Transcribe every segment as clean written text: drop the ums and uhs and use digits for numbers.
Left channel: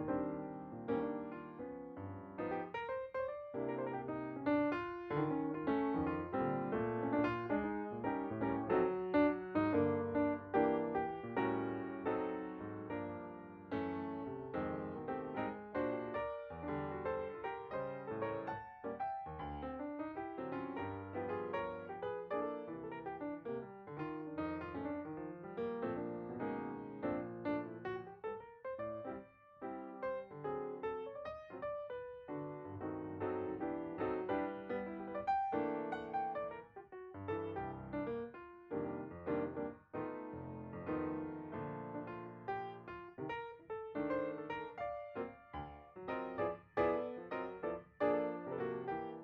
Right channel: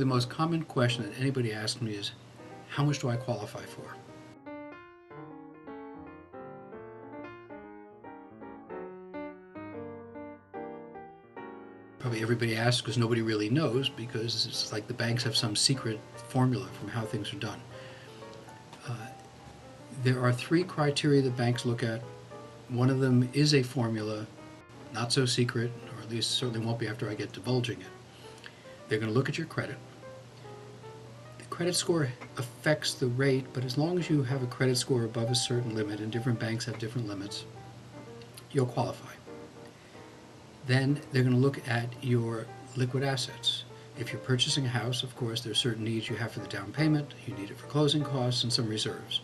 the most common question that anybody asks me is, how much do I qualify for? Probably everybody asks because nobody really knows, because it's like the banks have some secret formula from how things are done. There are three criteria that banks look at. One of them is a formula, not so secret, or at least certainly won't be after I get divulging it. They're going to look at your credit. The credit score affects the rate, but as long as you have a credit score above a certain limit, and different banks have different limits, you'll qualify. Then they're going to look at your liquid assets. If you're purchasing a house, of course, there are certain needs you have for the down payment, you need it for closing costs, and some reserves.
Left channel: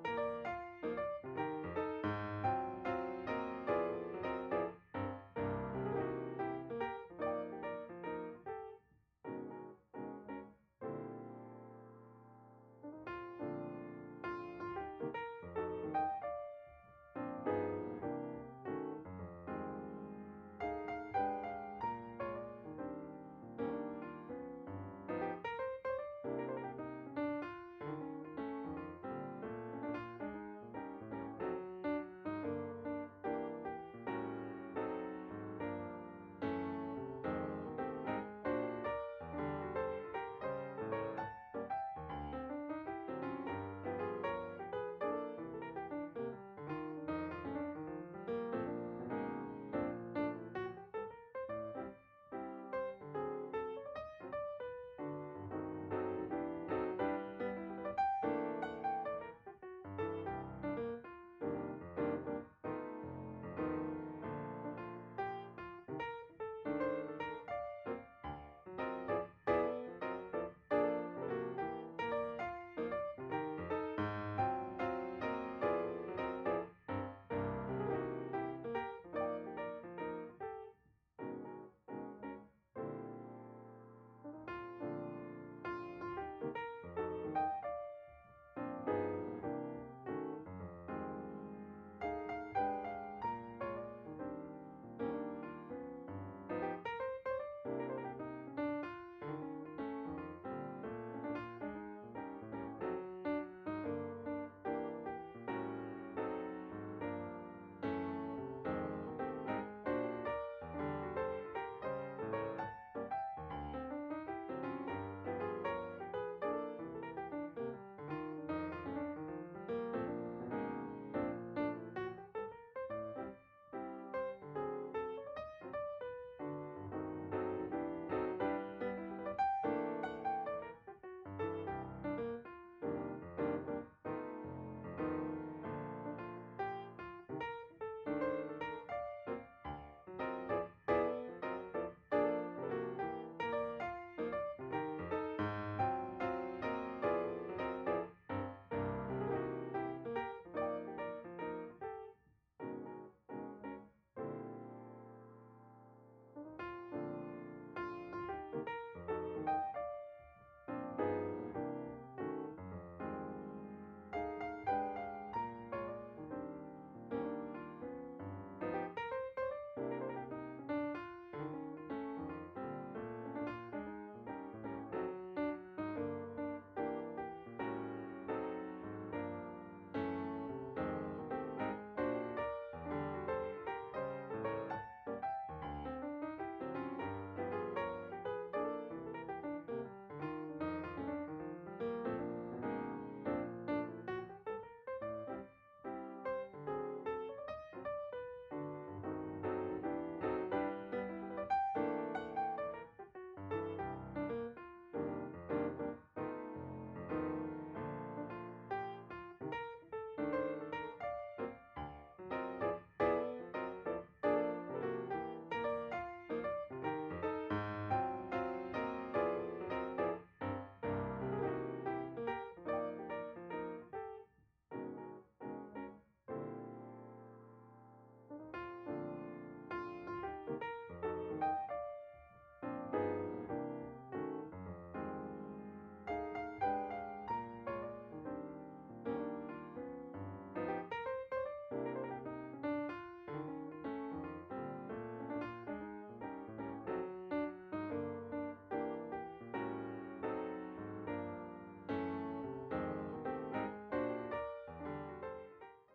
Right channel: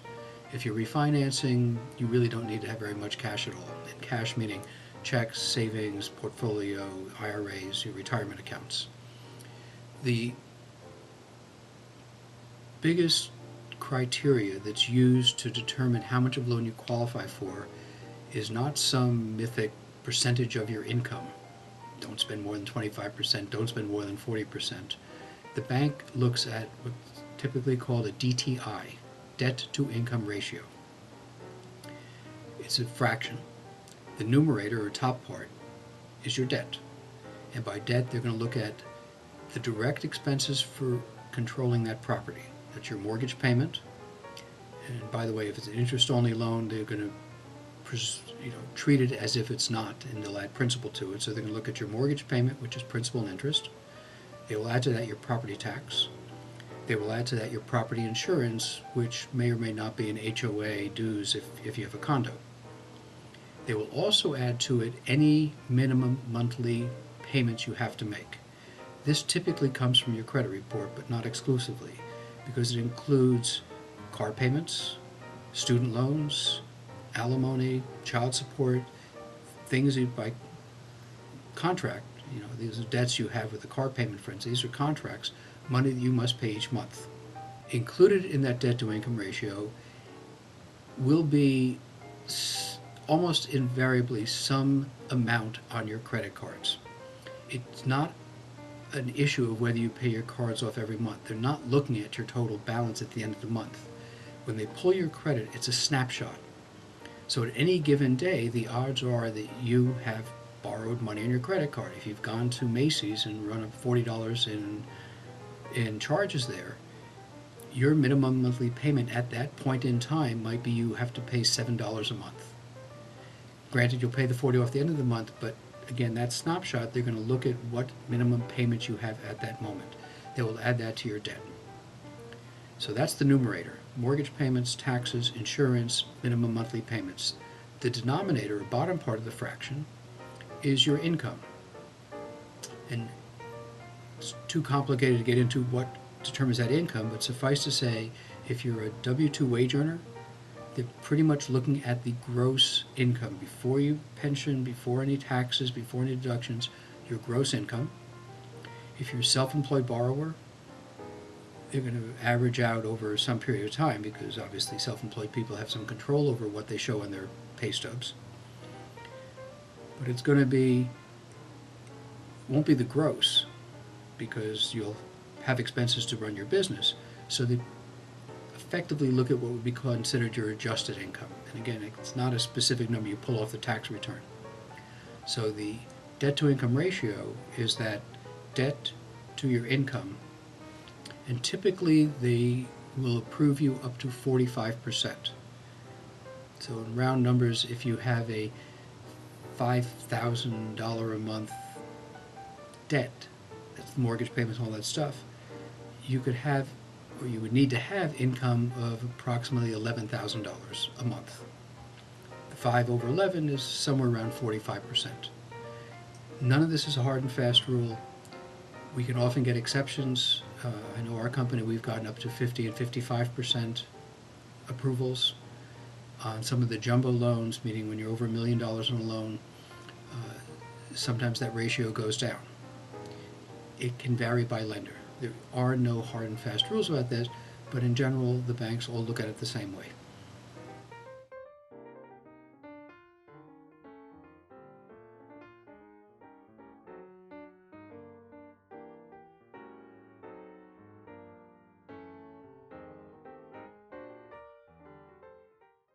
If you're refinancing, you really don't need to have very much cash at all. And cash meaning checks, savings, portfolio, IRAs, your retirement accounts. The biggest criteria that's used to determine how much of a loan you qualify for is not some mythic percentage of your income. Don't spend more than 25%, don't spend more than 40%. The bank looks at what's typically called a DTI, debt to income ratio. It's a fraction. The numerator, or top part, is your debt. And by debt, they're going to look at the direct expenses for controlling that property. That's your mortgage payment. And by the way, if it's an interest-only loan, they're going to treat it as if it's not, and they'll add principal to it. So they're going to look at your mortgage payment, which is principal and interest. They will add to that your property tax. They will add to that your property insurance, which may or may not be an HOA dues if you have a condo. They will also add to it any minimum monthly payments you have to make. This typically comes from your credit report, but not exclusively, because it includes car payments, student loans, alimony, child support, things by contract. These are debts you have with the car payment, for instance. These are contracts, money that you must pay each month. Included in that debt to income ratio will be almost invariably some amount on your credit cards. It's not an issue of whether you pay your cards off every month. They're not looking at your total balance at the end of the month. When they pull your credit, it's a snapshot. So at any given day, the odds are that you have borrowed money on your credit card. If you've gone to Macy's and run up $40 in charges there, your minimum monthly payment at that point in time might be you have to pay $7 a month. Granted, you'll pay the $40 off the end of the month, but again, that snapshot, they're going to look at what minimum payments you have at that moment. They will add that to your debt. So that's the numerator: mortgage payments, taxes, insurance, minimum monthly payments. The denominator, or bottom part of the fraction, is your income. And it's too complicated to get into what determines that income, but suffice to say, if you're a W-2 wage earner, they're pretty much looking at the gross income before you pension, before any taxes, before any deductions, your gross income. If you're a self-employed borrower, they're going to average out over some period of time, because obviously self-employed people have some control over what they show in their pay stubs. But it's going to be, won't be the gross, because you'll have expenses to run your business. So they effectively look at what would be considered your adjusted income. And again, it's not a specific number you pull off the tax return. So the debt to income ratio is that debt to your income, and typically they will approve you up to 45%. So in round numbers, if you have a $5,000 a month debt, that's the mortgage payments and all that stuff, you could have, or you would need to have, income of approximately $11,000 a month. The 5 over 11 is somewhere around 45%. None of this is a hard and fast rule. We can often get exceptions. I know our company, we've gotten up to 50 and 55% approvals on some of the jumbo loans, meaning when you're over $1 million in a loan, sometimes that ratio goes down. It can vary by lender. There are no hard and fast rules about this, but in general, the banks all look at it the same way.